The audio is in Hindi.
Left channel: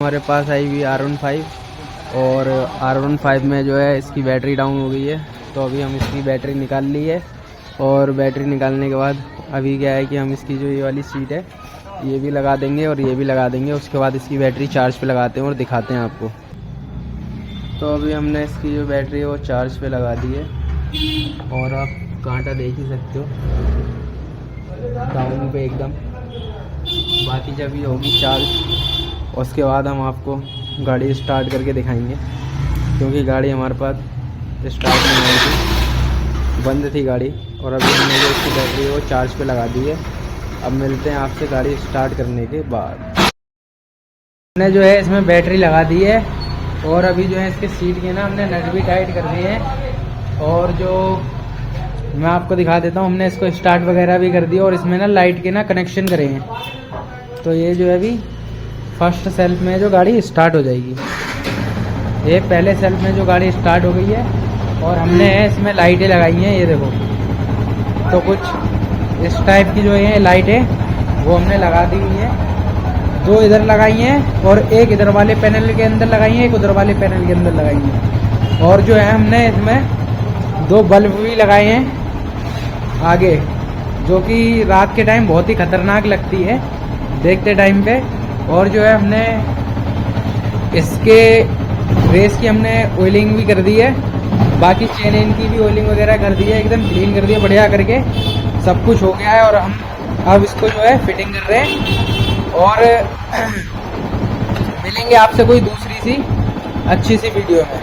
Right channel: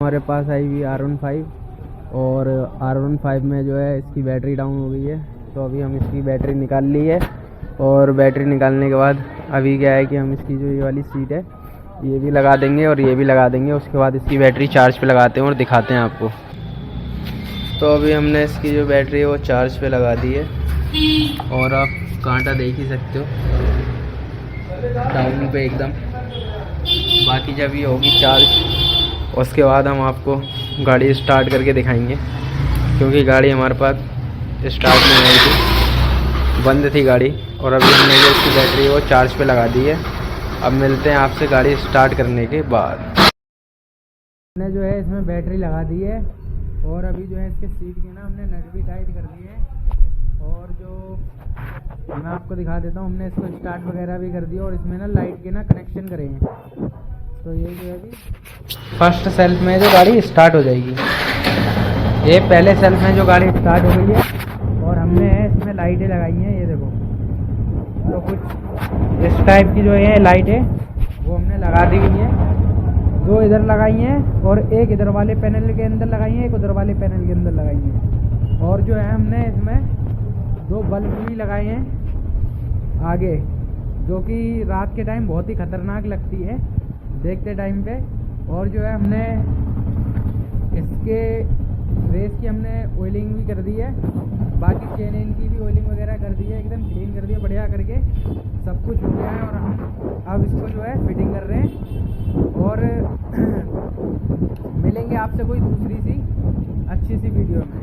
हमारे पास आई हुई R15 और R15 में जो है इसकी बैटरी डाउन हो गई है। तो अभी हम इसकी बैटरी निकाल ली है और बैटरी निकालने के बाद अभी क्या है कि हम इसकी जो ये वाली सीट है ये भी लगा देंगे और ये भी लगा देंगे। उसके बाद इसकी बैटरी चार्ज पे लगाते हैं और दिखाते हैं आपको। तो अभी हमने इसकी जो बैटरी है वो चार्ज पे लगा दी है और आप कांटा देख ही सकते हो डाउन पे एकदम। बाकी जब ये होगी चार्ज उसके बाद हम आपको गाड़ी स्टार्ट करके दिखाएंगे, क्योंकि गाड़ी हमारे पास स्टार्ट नहीं आई थी, बंद थी गाड़ी। और अभी हमने जो इसकी बैटरी है वो चार्ज पे लगा दी है। अब मिलते हैं आपसे गाड़ी स्टार्ट करने के बाद। हमने जो है इसमें बैटरी लगा दी है और अभी जो है इसके सीट के ना हमने नट भी टाइट कर दिए हैं। और जो मैं आपको दिखा देता हूँ, हमने इसको स्टार्ट वगैरह भी कर दिया और इसमें ना लाइट के ना कनेक्शन करे हैं। तो ये जो है अभी फर्स्ट सेल्फ में जो गाड़ी स्टार्ट हो जाएगी, ये पहले सेल्फ में जो गाड़ी स्टार्ट हो गई है। और हमने इसमें लाइटें लगाई हैं, ये देखो। तो कुछ इस टाइप की जो है लाइट है वो हमने लगा दी हुई है। दो इधर लगाई हैं और एक इधर वाले पैनल के अंदर लगाई हैं, एक उधर वाले पैनल के अंदर लगाई हैं। और जो है हमने इसमें दो बल्ब भी लगाए हैं आगे, जो कि रात के टाइम बहुत ही खतरनाक लगती है देखते टाइम पे। और जो है हमने इसके रेस की हमने ऑयलिंग भी कर दी है, बाकी चेन इन की भी ऑयलिंग वगैरह कर दी है, एकदम क्लीन कर दिया बढ़िया करके, सब कुछ हो गया है। और हम अब इसको जो है फिटिंग कर रहे हैं और मिलेंगे आपसे कोई दूसरी सी अच्छी सी वीडियो में।